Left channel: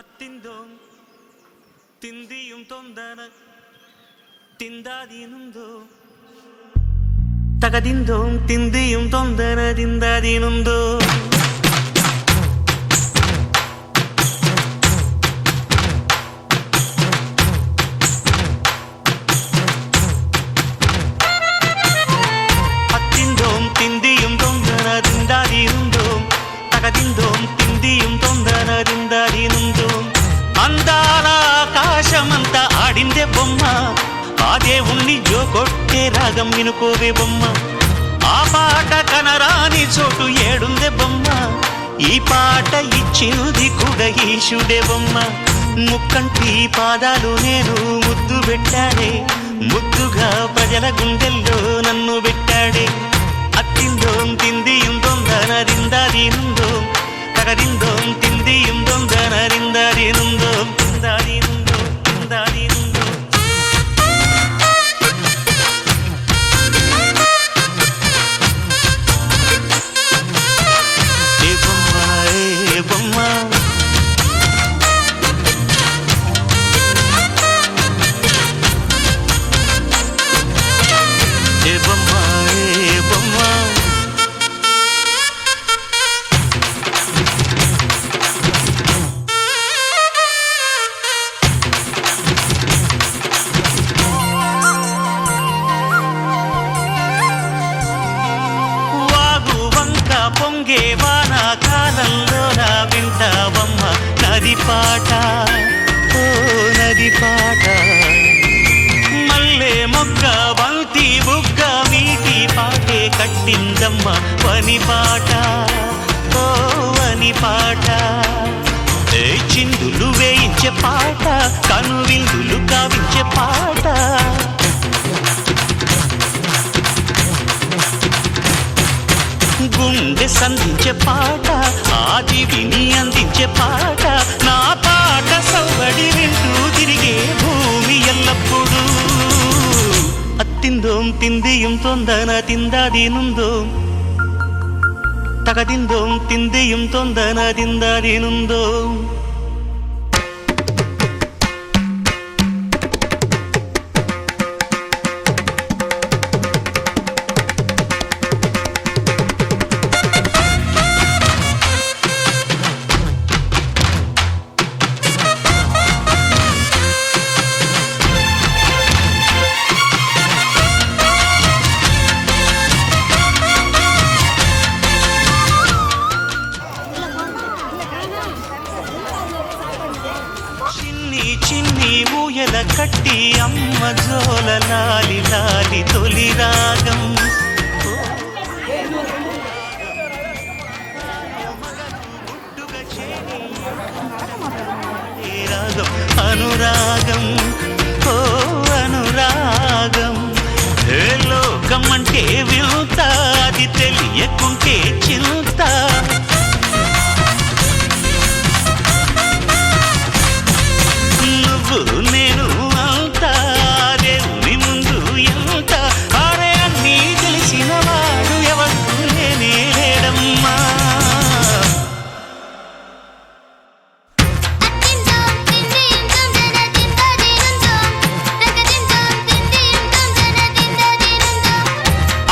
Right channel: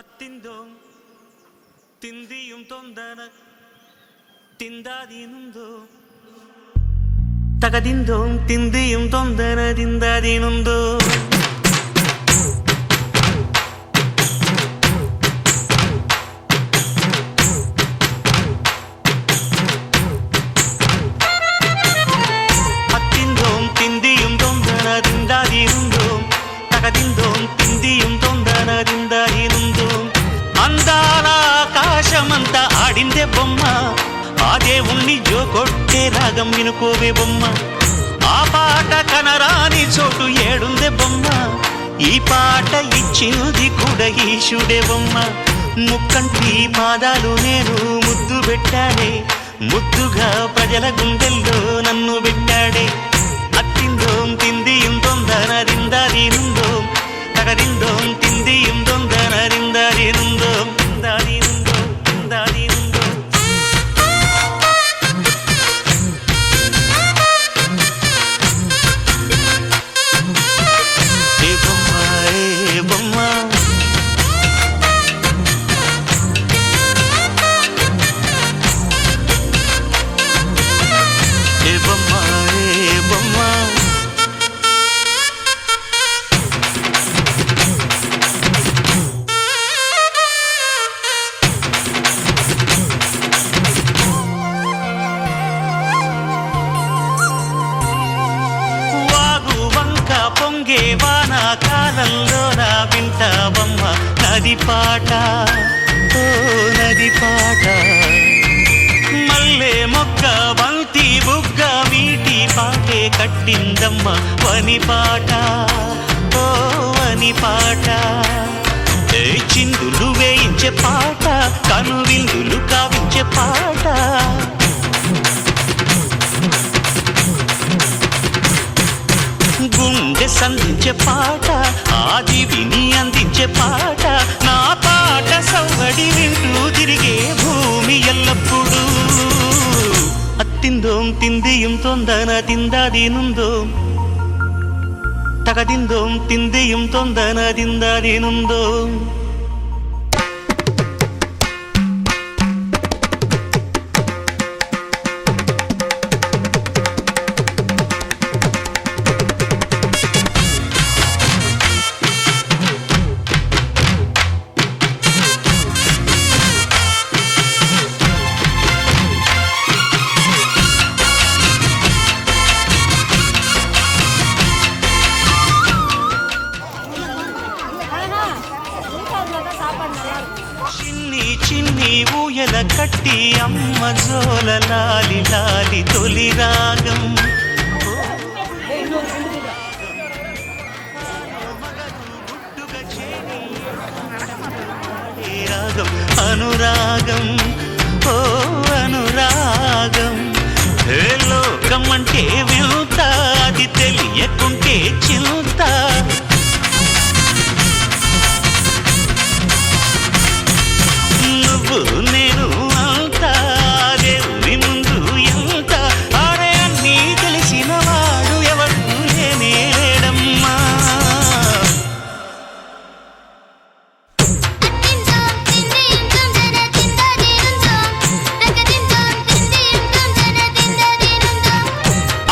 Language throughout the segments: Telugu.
ಹತ್ತಿಂದೋಂ ತಿಂದಿಯುಂ ತೊಂದನ ತಿಂದಾದೀನುಂದೋ ತಗದಿಂದೋಂ ತಿಂದಿಯುಂ ತೊಂದನದಿಂದಾದೀನುಂದೋ ಹತ್ತಿಂದೋಂ ತಿಂದಿಯುಂ ತೊಂದನದಿಂದಾದೀನುಂದೋ తగదిందోం తిందియుం తొందరదిందదినుందోం అందాల ఆకాశమంతా ఆడిందే బొమ్మ ఆ దేవుణ్ణి జోకొట్టే రాగం వినుకోవే బొమ్మ ఆ పాట కనరాని చోటు ఏడుందే బొమ్మ ఈ పాట ఇచ్చింది కూడా ఈశుడే బొమ్మ ముక్కంటి పాదాలు నేను ముద్దు పెట్టానే ముద్దుగా ప్రజల గుండెల్లో నన్ను పెట్టాడే అత్తిందోం తిందియుం తొందరదిందదినుందోం తగదిందోం తిందియుం తొందరదిందదినుందోం తిందదినుందోం తిందదినుందోం ఏ బొమ్మ ఏ బొమ్మ ఏ బొమ్మ ఏ బొమ్మ వాగు వంక పొంగే వానాకాలంలో నా వింటావమ్మ నది పాట ఓ నది పాట మల్లె మొగ్గ బంతి బుగ్గ మీటి పాటే కట్టిందమ్మ వని పాట ఓ వని పాట చిందులు వేయించే పాట కనువిందులు కావించే పాట గుండె సంధించే పాట ఆది విని అందించే పాట నా పాట సవ్వడి వింటూ తిరిగే భూమి ఎల్లప్పుడూ అత్తిందోం తిందియుం తొందన తిందాదీనుందోం తగదిందోం తిందియుం తొందన తిందాదీనుందోం చిన్ని చిన్ని ఊయల కట్టి అమ్మ జోల లాలి లాలి తొలి రాగం రాగం అనురాగం ఓ అనురాగం ఏ లోకం అంటే వింత అది తెలియకుంటే చింత నువ్వు నేను అంతా దేవుని ముందు ఎంత ఆడే అన్నీ తెలిసిన వాడు ఎవరు లేనే లేడమ్మా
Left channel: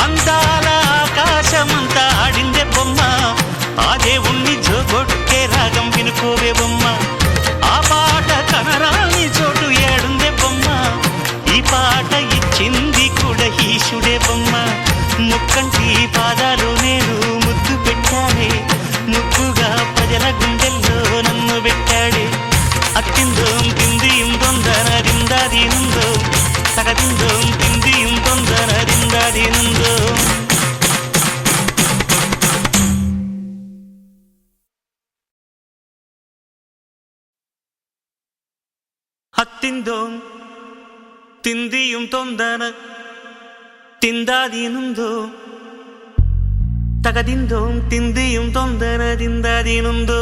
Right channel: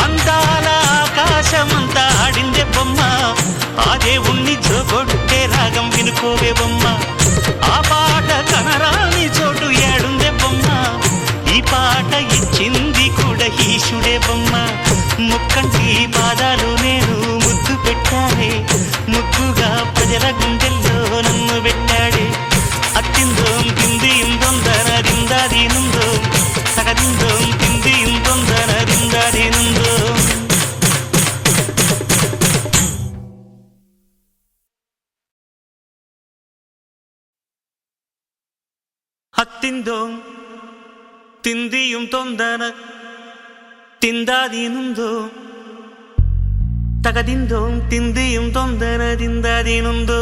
అందాల ఆకాశమంతా ఆడిందే బొమ్మ ఆ దేవుణ్ణి జోకొట్టే రాగం వినుకోవే బొమ్మ ఆ పాట కనరాని చోటు ఏడుందే బొమ్మ ఈ పాట ఇచ్చింది కూడా ఈశుడే బొమ్మ ముక్కంటి పాదాలు నేను ముద్దు పెట్టానే ముద్దుగా ప్రజల గుండెల్లో నన్ను పెట్టాడే అత్తిందోం తిందియుం తొందరదిందదినుందోం తగదిందోం తిందియుం తొందరదిందదినుందోం ಹತ್ತಿಂದೋಂ ತಿಂದಿಯುಂ ತೊಂದನ ತಿಂದಾದೀನುಂದೋ ತಗದಿಂದೋಂ ತಿಂದಿಯುಂ ತೊಂದನದಿಂದಾದೀನುಂದೋ